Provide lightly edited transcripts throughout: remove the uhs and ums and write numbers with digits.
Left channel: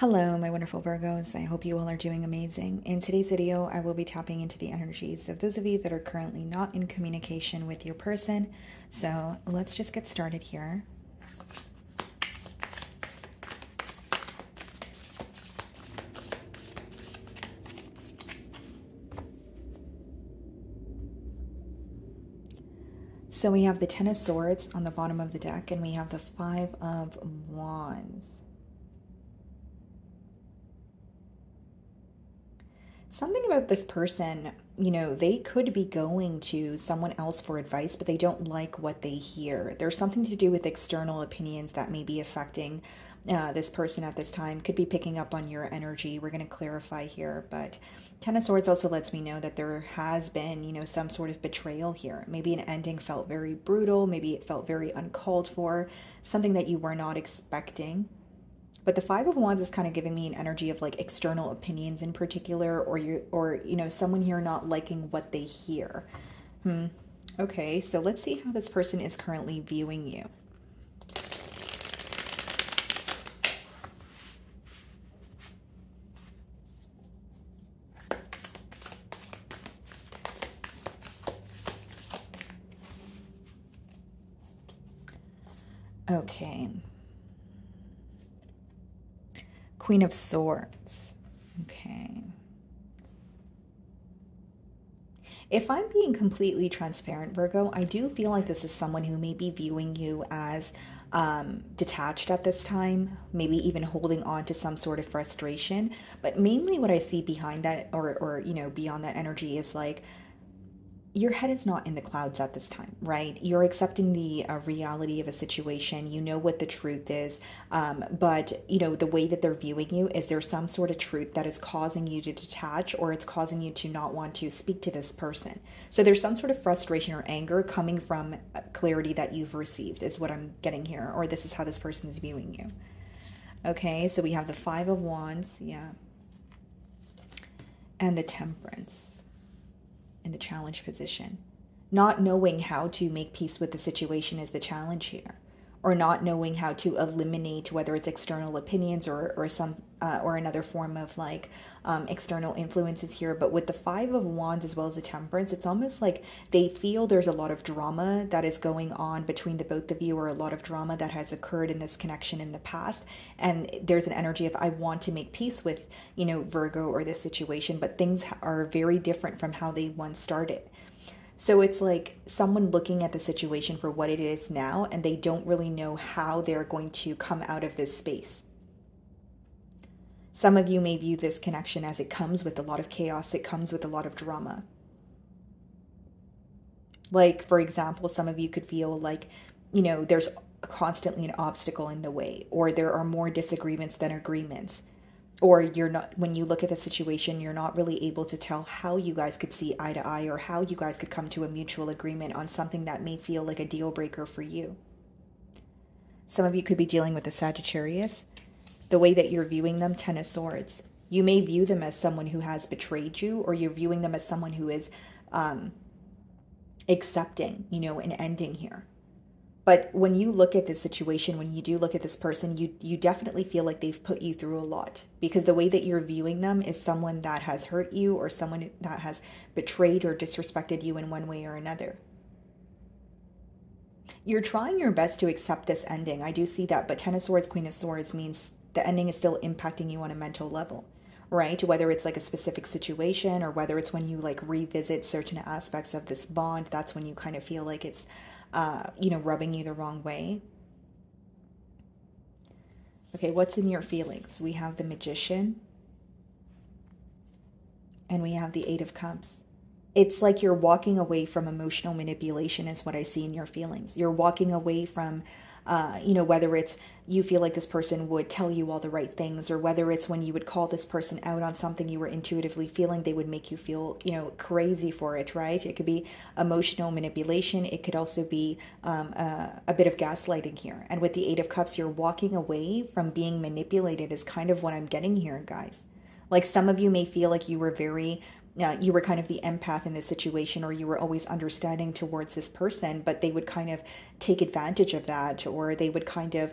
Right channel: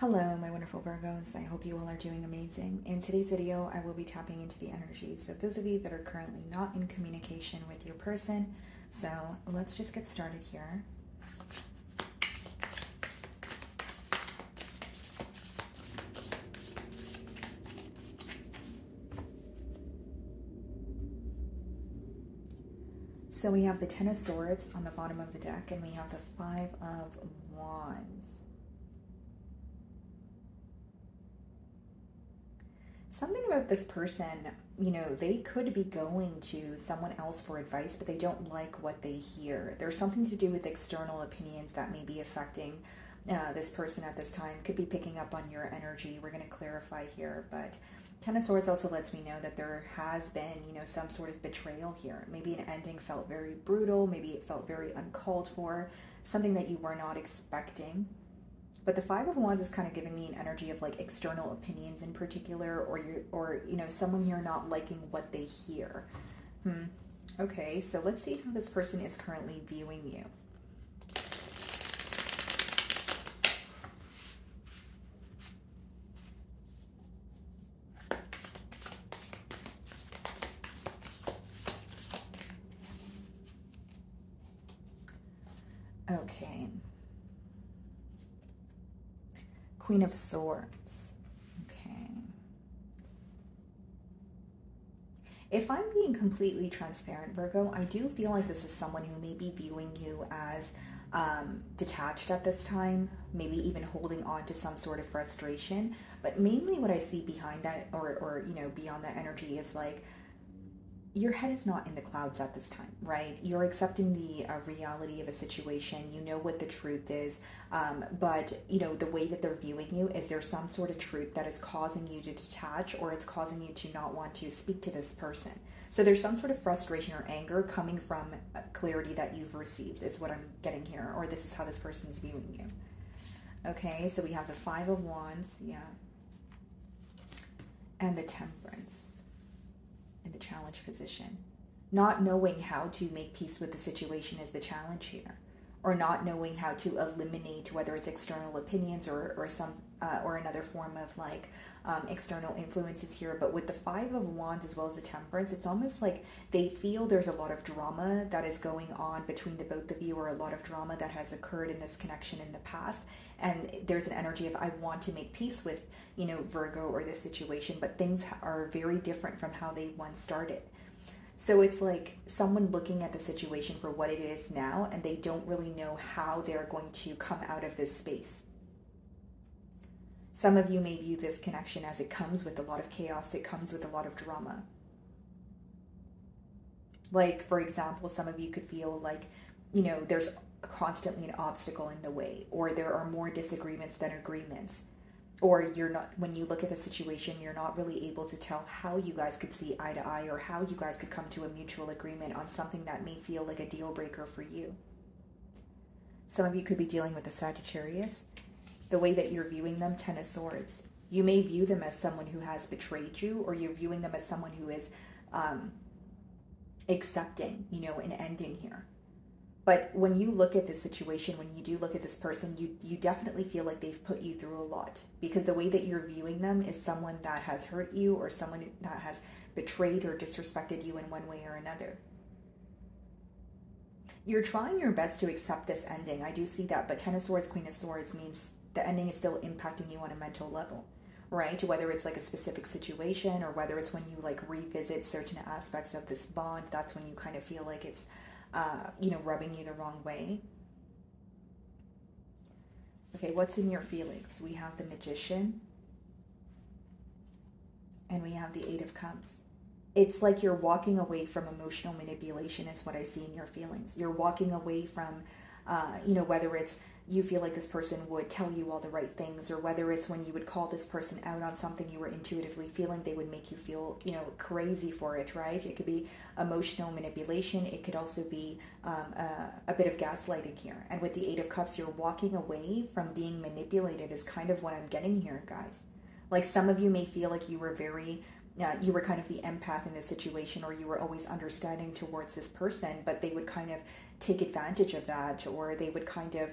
Hello, my wonderful Virgos. I hope you all are doing amazing. In today's video, I will be tapping into the energies of those of you that are currently not in communication with your person. So let's just get started here. So we have the Ten of Swords on the bottom of the deck, and we have the Five of Wands. Something about this person, you know, they could be going to someone else for advice, but they don't like what they hear. There's something to do with external opinions that may be affecting this person at this time. Could be picking up on your energy. We're going to clarify here, but Ten of Swords also lets me know that there has been, you know, some sort of betrayal here. Maybe an ending felt very brutal. Maybe it felt very uncalled for, something that you were not expecting. But the Five of Wands is kind of giving me an energy of like external opinions in particular, or you know, someone here not liking what they hear. Okay, so let's see how this person is currently viewing you. Okay. Queen of Swords. Okay. If I'm being completely transparent, Virgo, I do feel like this is someone who may be viewing you as detached at this time, maybe even holding on to some sort of frustration. But mainly what I see behind that, or you know, beyond that energy is like, your head is not in the clouds at this time, right? You're accepting the reality of a situation. You know what the truth is, but you know the way that they're viewing you is there's some sort of truth that is causing you to detach, or it's causing you to not want to speak to this person. So there's some sort of frustration or anger coming from clarity that you've received is what I'm getting here, or this is how this person is viewing you. Okay, so we have the Five of Wands, yeah, and the Temperance in the challenge position. Not knowing how to make peace with the situation is the challenge here, or not knowing how to eliminate whether it's external opinions or some or another form of like external influences here. But with the Five of Wands as well as the Temperance, it's almost like they feel there's a lot of drama that is going on between the both of you, or a lot of drama that has occurred in this connection in the past, and there's an energy of I want to make peace with, you know, Virgo or this situation, but things are very different from how they once started. So it's like someone looking at the situation for what it is now, and they don't really know how they're going to come out of this space. Some of you may view this connection as it comes with a lot of chaos, it comes with a lot of drama. Like, for example, some of you could feel like, you know, there's constantly an obstacle in the way, or there are more disagreements than agreements. Or you're not, when you look at the situation, you're not really able to tell how you guys could see eye to eye, or how you guys could come to a mutual agreement on something that may feel like a deal breaker for you. Some of you could be dealing with a Sagittarius. The way that you're viewing them, Ten of Swords. You may view them as someone who has betrayed you, or you're viewing them as someone who is accepting, you know, an ending here. But when you look at this situation, when you do look at this person, you definitely feel like they've put you through a lot, because the way that you're viewing them is someone that has hurt you, or someone that has betrayed or disrespected you in one way or another. You're trying your best to accept this ending. I do see that, but Ten of Swords, Queen of Swords means the ending is still impacting you on a mental level, right? Whether it's like a specific situation, or whether it's when you like revisit certain aspects of this bond, that's when you kind of feel like it's you know, rubbing you the wrong way. Okay, what's in your feelings? We have the Magician, and we have the Eight of Cups. It's like you're walking away from emotional manipulation is what I see in your feelings. You're walking away from, you know, whether it's you feel like this person would tell you all the right things, or whether it's when you would call this person out on something you were intuitively feeling, they would make you feel, you know, crazy for it, right? It could be emotional manipulation. It could also be a bit of gaslighting here. And with the Eight of Cups, you're walking away from being manipulated is kind of what I'm getting here, guys. Like, some of you may feel like you were very you were kind of the empath in this situation, or you were always understanding towards this person, but they would kind of take advantage of that, or they would kind of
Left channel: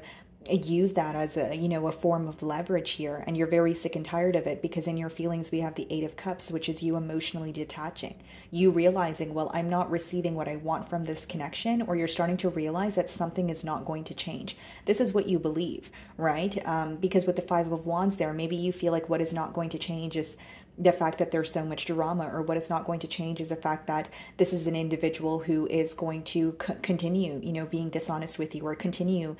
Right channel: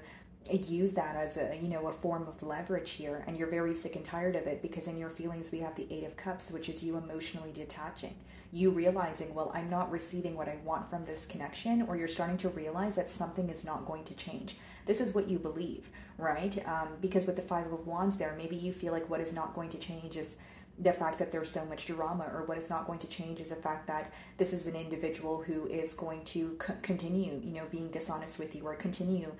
use that as a, you know, a form of leverage here, and you're very sick and tired of it, because in your feelings we have the Eight of Cups, which is you emotionally detaching, you realizing, well, I'm not receiving what I want from this connection, or you're starting to realize that something is not going to change. This is what you believe, right? Because with the Five of Wands there, maybe you feel like what is not going to change is the fact that there's so much drama, or what is not going to change is the fact that this is an individual who is going to continue, you know, being dishonest with you, or continue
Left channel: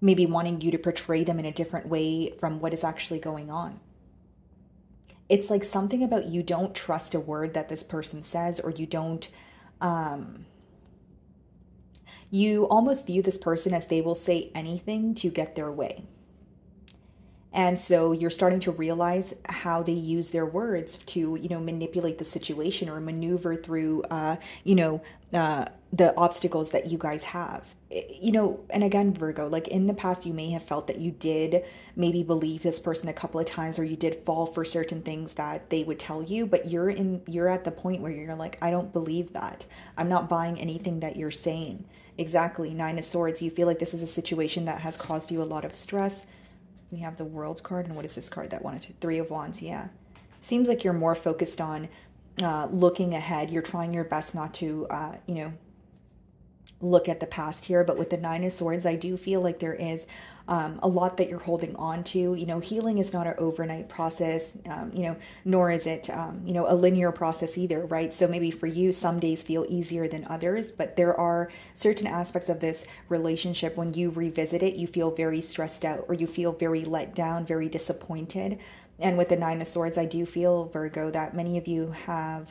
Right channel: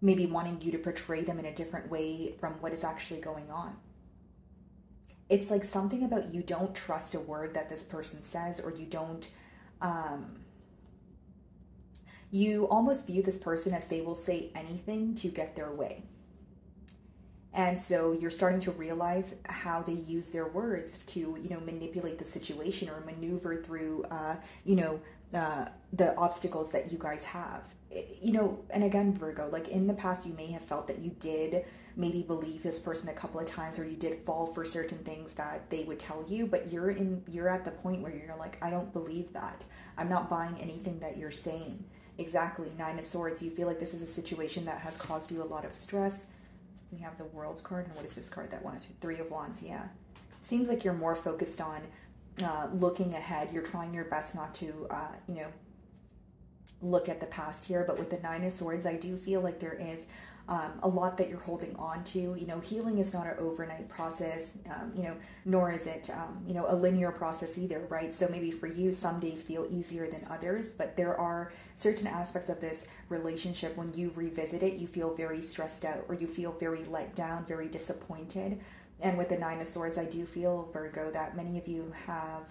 maybe wanting you to portray them in a different way from what is actually going on. It's like something about you don't trust a word that this person says, or you don't, you almost view this person as they will say anything to get their way. And so you're starting to realize how they use their words to, you know, manipulate the situation, or maneuver through, you know, the obstacles that you guys have. You know, and again, Virgo, like in the past, you may have felt that you did maybe believe this person a couple of times, or you did fall for certain things that they would tell you, but you're at the point where you're like, I don't believe that. I'm not buying anything that you're saying. Exactly. Nine of Swords. You feel like this is a situation that has caused you a lot of stress. We have the World card, and what is this card that wanted to? Three of Wands. Yeah, seems like you're more focused on looking ahead. You're trying your best not to you know, look at the past here. But with the Nine of Swords, I do feel like there is a lot that you're holding on to. You know, healing is not an overnight process, you know, nor is it, you know, a linear process either, right? So maybe for you, some days feel easier than others, but there are certain aspects of this relationship when you revisit it, you feel very stressed out, or you feel very let down, very disappointed. And with the Nine of Swords, I do feel, Virgo, that many of you have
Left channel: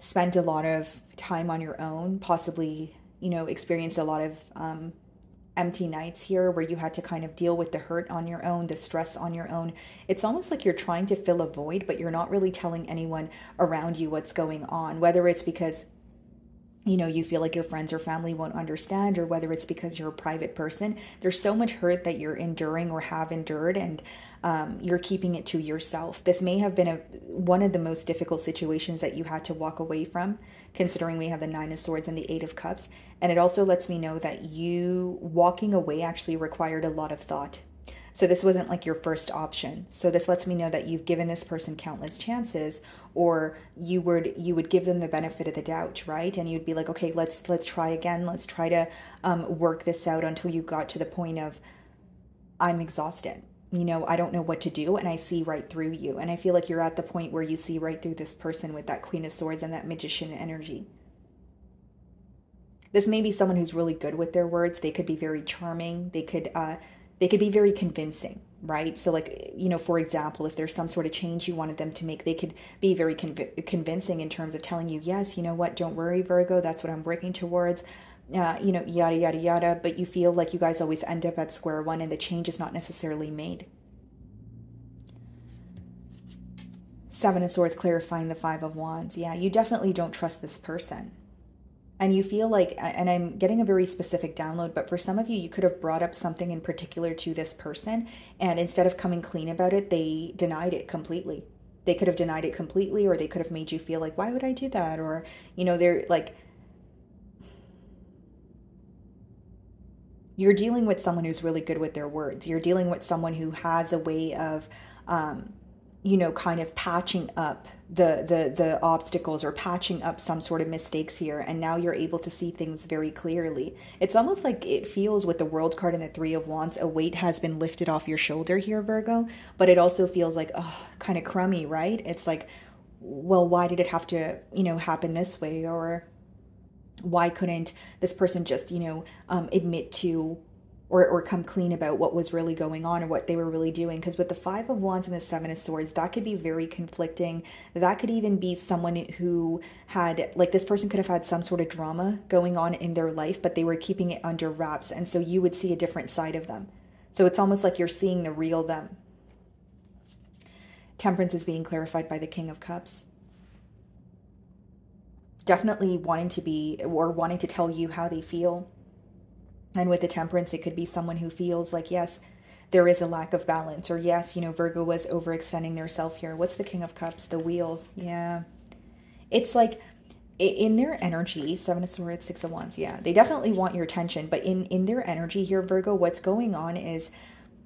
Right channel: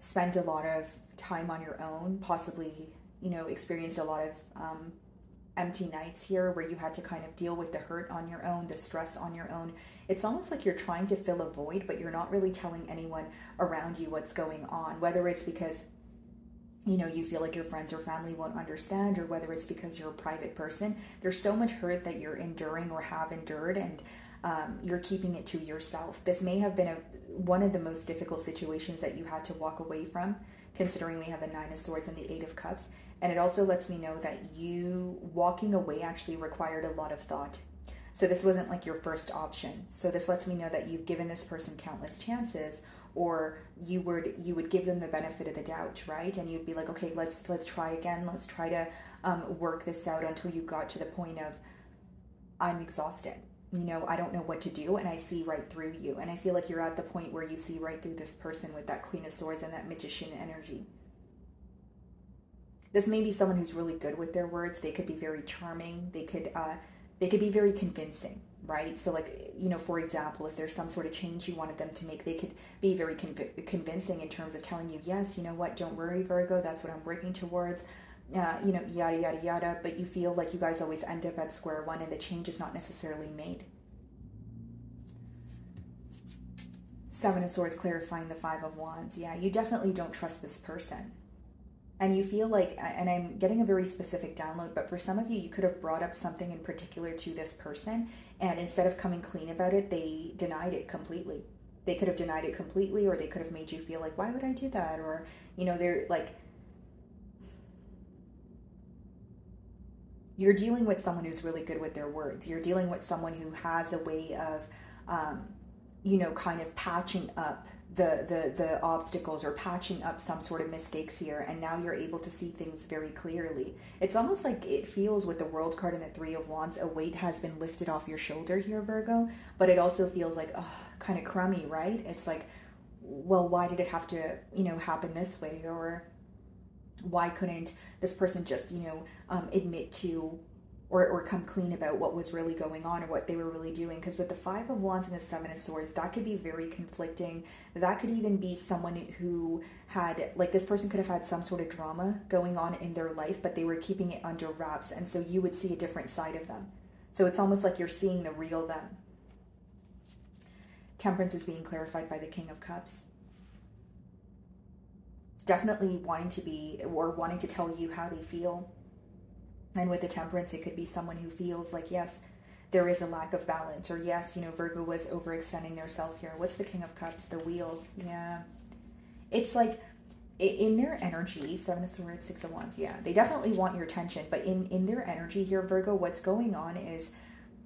spent a lot of time on your own, possibly, you know, experienced a lot of empty nights here, where you had to kind of deal with the hurt on your own, the stress on your own. It's almost like you're trying to fill a void, but you're not really telling anyone around you what's going on, whether it's because, you know, you feel like your friends or family won't understand, or whether it's because you're a private person. There's so much hurt that you're enduring or have endured, and you're keeping it to yourself. This may have been one of the most difficult situations that you had to walk away from, considering we have the Nine of Swords and the Eight of Cups. And it also lets me know that you walking away actually required a lot of thought. So this wasn't like your first option. So this lets me know that you've given this person countless chances, or you would give them the benefit of the doubt, right? And you'd be like, okay, let's try again. Let's try to work this out until you got to the point of, I'm exhausted. You know, I don't know what to do, and I see right through you. And I feel like you're at the point where you see right through this person with that Queen of Swords and that Magician energy. This may be someone who's really good with their words. They could be very charming. They could be very convincing, right? So like, you know, for example, if there's some sort of change you wanted them to make, they could be very convincing in terms of telling you, yes, you know what, don't worry, Virgo, that's what I'm working towards. You know, yada, yada, yada. But you feel like you guys always end up at square one, and the change is not necessarily made. Seven of Swords clarifying the Five of Wands. Yeah, you definitely don't trust this person. And you feel like, and I'm getting a very specific download, but for some of you, you could have brought up something in particular to this person, and instead of coming clean about it, they denied it completely. They could have denied it completely, or they could have made you feel like, why would I do that? Or, you know, they're like, you're dealing with someone who's really good with their words. You're dealing with someone who has a way of, you know, kind of patching up the obstacles, or patching up some sort of mistakes here. And now you're able to see things very clearly. It's almost like it feels, with the World card and the Three of Wands, a weight has been lifted off your shoulder here, Virgo. But it also feels like, oh, kind of crummy, right? It's like, well, why did it have to, you know, happen this way? Or why couldn't this person just, you know, admit to or come clean about what was really going on, or what they were really doing? Because with the Five of Wands and the Seven of Swords, that could be very conflicting. That could even be someone who had, like, this person could have had some sort of drama going on in their life, but they were keeping it under wraps. And so you would see a different side of them. So it's almost like you're seeing the real them. Temperance is being clarified by the King of Cups. Definitely wanting to be, or wanting to tell you how they feel. And with the Temperance, it could be someone who feels like, yes, there is a lack of balance, or yes, you know, Virgo was overextending their self here. What's the King of Cups? The Wheel. Yeah. It's like in their energy, Seven of Swords, Six of Wands, yeah, they definitely want your attention. But in their energy here, Virgo, what's going on is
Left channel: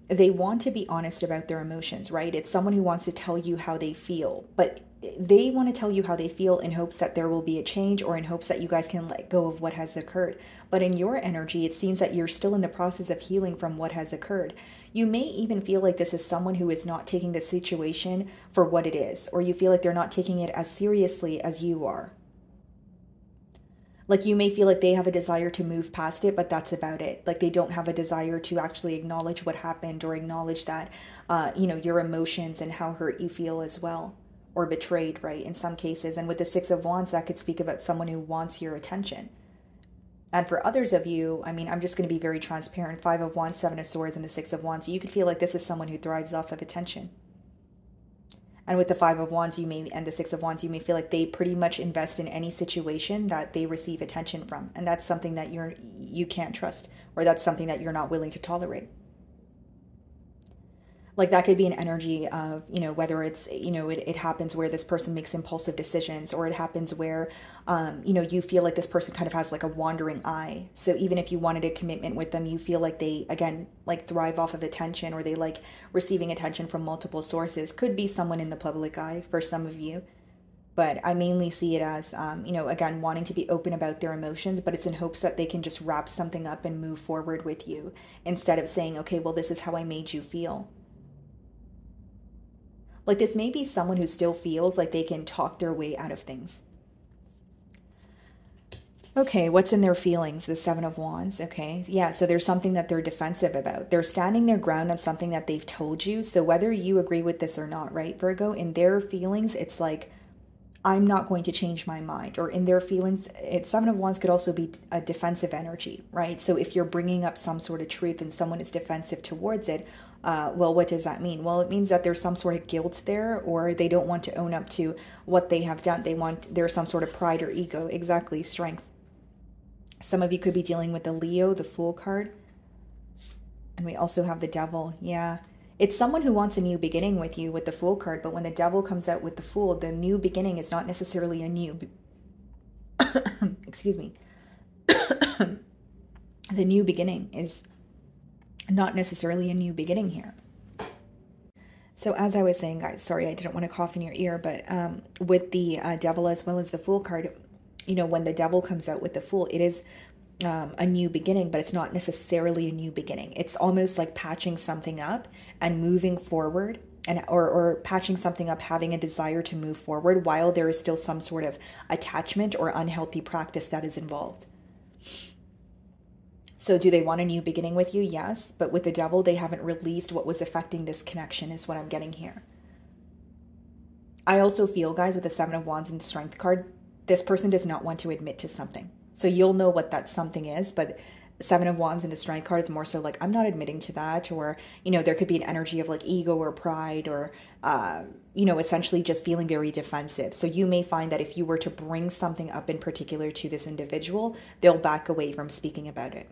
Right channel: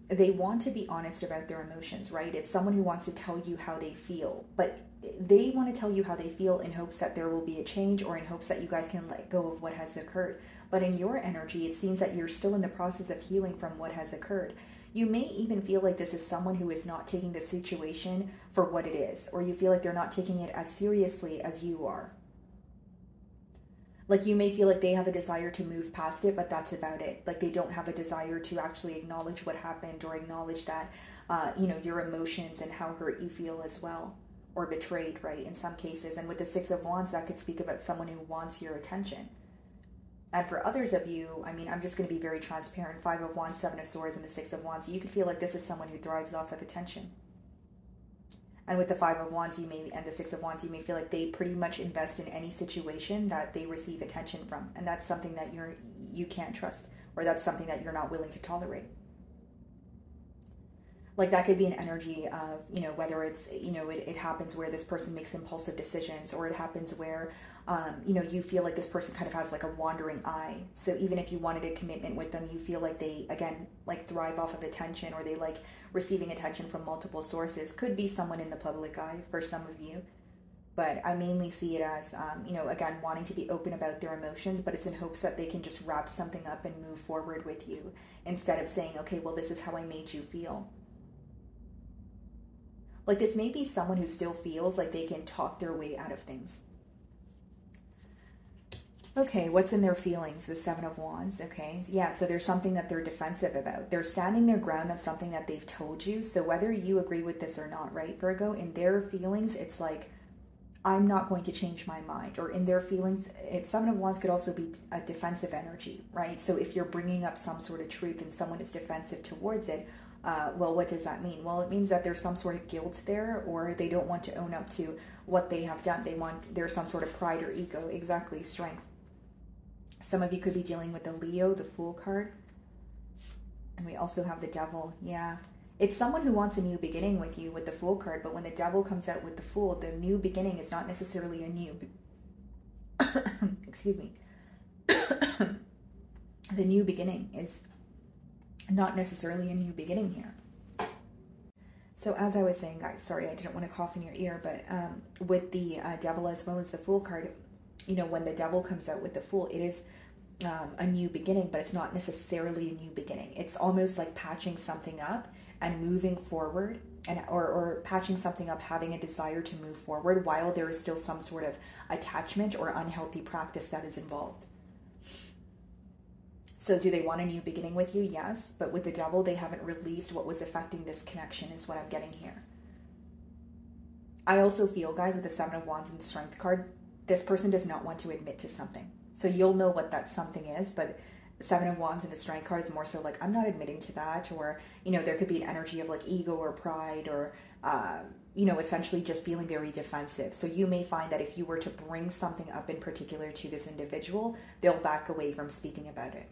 they want to be honest about their emotions, right? It's someone who wants to tell you how they feel, but they want to tell you how they feel in hopes that there will be a change, or in hopes that you guys can let go of what has occurred. But in your energy, it seems that you're still in the process of healing from what has occurred. You may even feel like this is someone who is not taking the situation for what it is, or you feel like they're not taking it as seriously as you are. Like, you may feel like they have a desire to move past it, but that's about it. Like, they don't have a desire to actually acknowledge what happened, or acknowledge that, you know, your emotions and how hurt you feel as well, or betrayed, right, in some cases. And with the Six of Wands, that could speak about someone who wants your attention. And for others of you, I mean, I'm just going to be very transparent. Five of Wands, Seven of Swords, and the Six of Wands. You could feel like this is someone who thrives off of attention. And with the Five of Wands, you may, and the Six of Wands, you may feel like they pretty much invest in any situation that they receive attention from. And that's something that you can't trust, or that's something that you're not willing to tolerate. Like, that could be an energy of, you know, whether it's, you know, it happens where this person makes impulsive decisions, or it happens where, you know, you feel like this person kind of has like a wandering eye. So even if you wanted a commitment with them, you feel like they, again, like thrive off of attention, or they like receiving attention from multiple sources. Could be someone in the public eye for some of you. But I mainly see it as, you know, again, wanting to be open about their emotions, but it's in hopes that they can just wrap something up and move forward with you, instead of saying, okay, well, this is how I made you feel. Like, this may be someone who still feels like they can talk their way out of things. Okay, what's in their feelings? The Seven of Wands. Okay, yeah, so there's something that they're defensive about. They're standing their ground on something that they've told you. So whether you agree with this or not, right, Virgo, in their feelings, it's like, I'm not going to change my mind. Or in their feelings, Seven of Wands could also be a defensive energy, right? So if you're bringing up some sort of truth and someone is defensive towards it, well, what does that mean? Well, it means that there's some sort of guilt there, or they don't want to own up to what they have done. There's some sort of pride or ego. Exactly, strength. Some of you could be dealing with the Leo, the Fool card. And we also have the Devil. Yeah. It's someone who wants a new beginning with you with the Fool card, but when the Devil comes out with the Fool, the new beginning is not necessarily a new... Excuse me. The new beginning is not necessarily a new beginning here. So as I was saying, guys, sorry, I didn't want to cough in your ear, but with the Devil as well as the Fool card, you know, when the Devil comes out with the Fool, it is a new beginning, but it's not necessarily a new beginning. It's almost like patching something up and moving forward, and or patching something up, having a desire to move forward while there is still some sort of attachment or unhealthy practice that is involved. So do they want a new beginning with you? Yes. But with the Devil, they haven't released what was affecting this connection, is what I'm getting here. I also feel, guys, with the Seven of Wands and Strength card, this person does not want to admit to something. So you'll know what that something is, but Seven of Wands and the Strength card is more so like, I'm not admitting to that. Or, you know, there could be an energy of like ego or pride, or, you know, essentially just feeling very defensive. So you may find that if you were to bring something up in particular to this individual, they'll back away from speaking about it.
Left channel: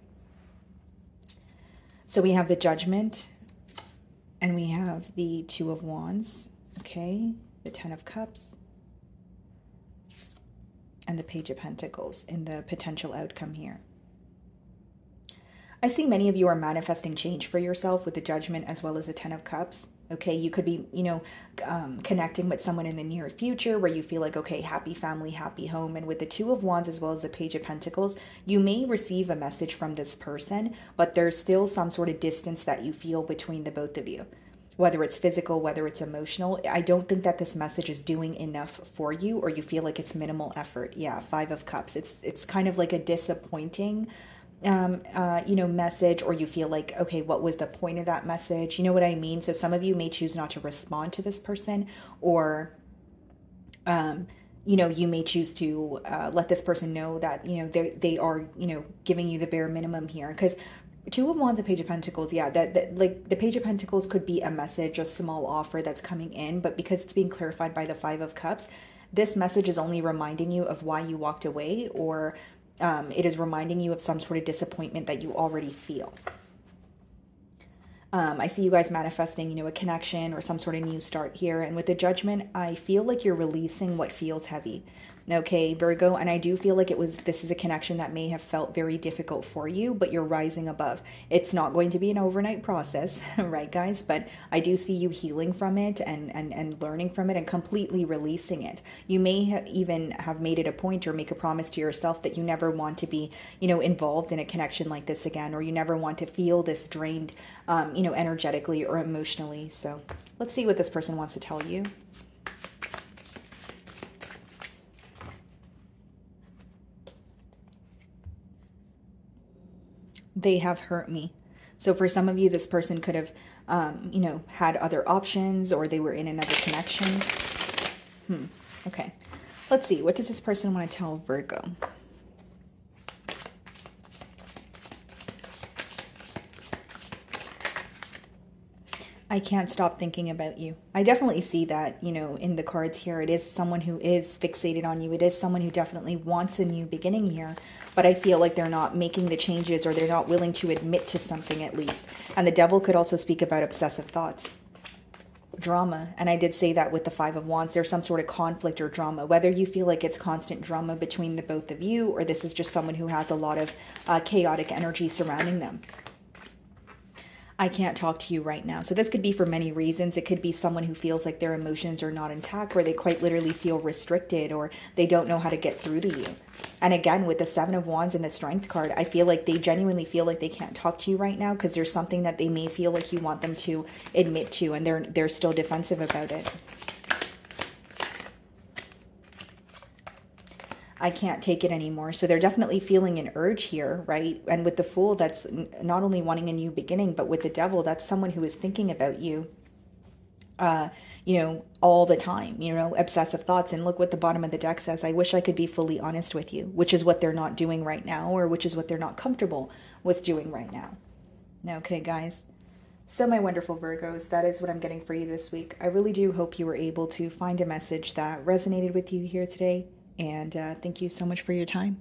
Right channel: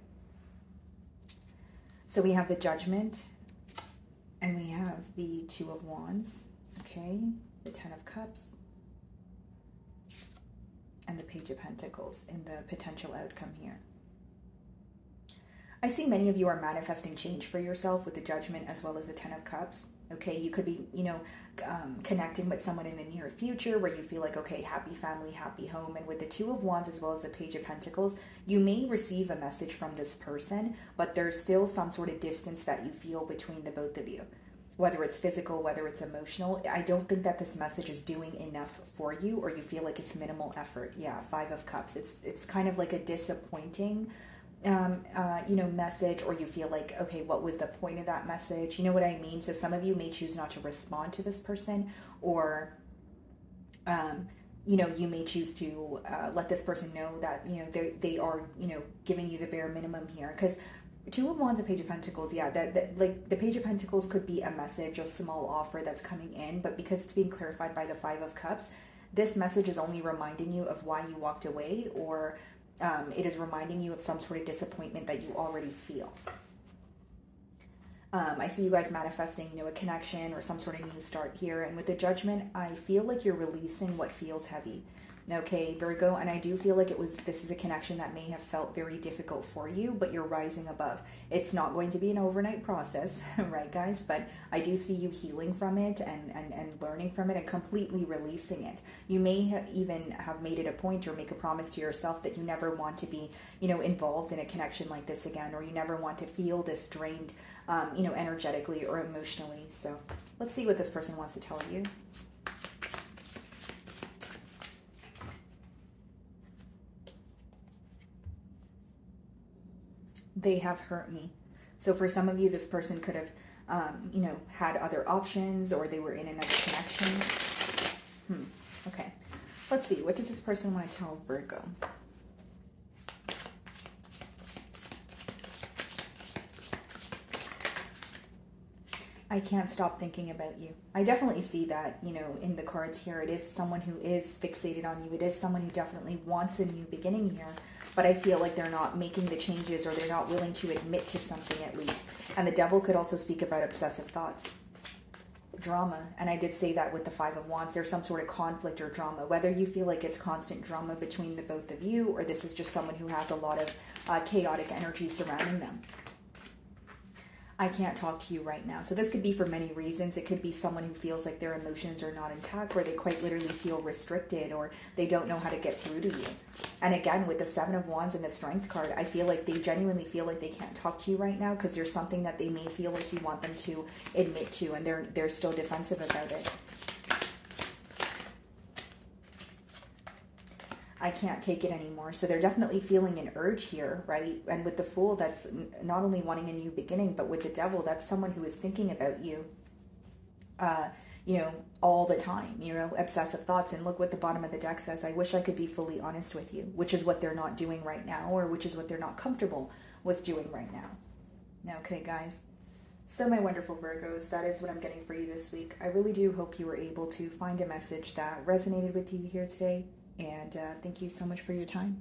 So we have the Judgment, and we have the Two of Wands, okay, the Ten of Cups, and the Page of Pentacles in the potential outcome here. I see many of you are manifesting change for yourself with the Judgment as well as the Ten of Cups. Okay, you could be, you know, connecting with someone in the near future where you feel like, okay, happy family, happy home. And with the Two of Wands as well as the Page of Pentacles, you may receive a message from this person, but there's still some sort of distance that you feel between the both of you. Whether it's physical, whether it's emotional. I don't think that this message is doing enough for you, or you feel like it's minimal effort. Yeah, Five of Cups. It's kind of like a disappointing you know, message, or you feel like, okay, what was the point of that message? You know what I mean? So some of you may choose not to respond to this person, or, you know, you may choose to let this person know that, you know, they are, you know, giving you the bare minimum here. Because Two of Wands and Page of Pentacles, yeah, that like the Page of Pentacles could be a message, a small offer that's coming in, but because it's being clarified by the Five of Cups, this message is only reminding you of why you walked away, or it is reminding you of some sort of disappointment that you already feel. I see you guys manifesting, you know, a connection or some sort of new start here. And with the Judgment, I feel like you're releasing what feels heavy. Okay, Virgo, and I do feel like this is a connection that may have felt very difficult for you, but you're rising above. It's not going to be an overnight process, right, guys? But I do see you healing from it and learning from it and completely releasing it. You may even have made it a point or make a promise to yourself that you never want to be, involved in a connection like this again, or you never want to feel this drained, energetically or emotionally. So let's see what this person wants to tell you. They have hurt me. So for some of you, this person could have, had other options, or they were in another connection. Okay. Let's see. What does this person want to tell Virgo? I can't stop thinking about you. I definitely see that, in the cards here. It is someone who is fixated on you. It is someone who definitely wants a new beginning here. But I feel like they're not making the changes, or they're not willing to admit to something at least. And the devil could also speak about obsessive thoughts. Drama. And I did say that with the Five of Wands. There's some sort of conflict or drama. Whether you feel like it's constant drama between the both of you, or this is just someone who has a lot of chaotic energy surrounding them. I can't talk to you right now. So this could be for many reasons. It could be someone who feels like their emotions are not intact, where they quite literally feel restricted, or they don't know how to get through to you. And again, with the Seven of Wands and the Strength card, I feel like they genuinely feel like they can't talk to you right now because there's something that they may feel like you want them to admit to, and they're still defensive about it. I can't take it anymore. So they're definitely feeling an urge here, right? And with the Fool, that's not only wanting a new beginning, but with the Devil, that's someone who is thinking about you, all the time, obsessive thoughts. And look what the bottom of the deck says. I wish I could be fully honest with you, which is what they're not doing right now, or which is what they're not comfortable with doing right now. Okay, guys. So my wonderful Virgos, that is what I'm getting for you this week. I really do hope you were able to find a message that resonated with you here today. And thank you so much for your time.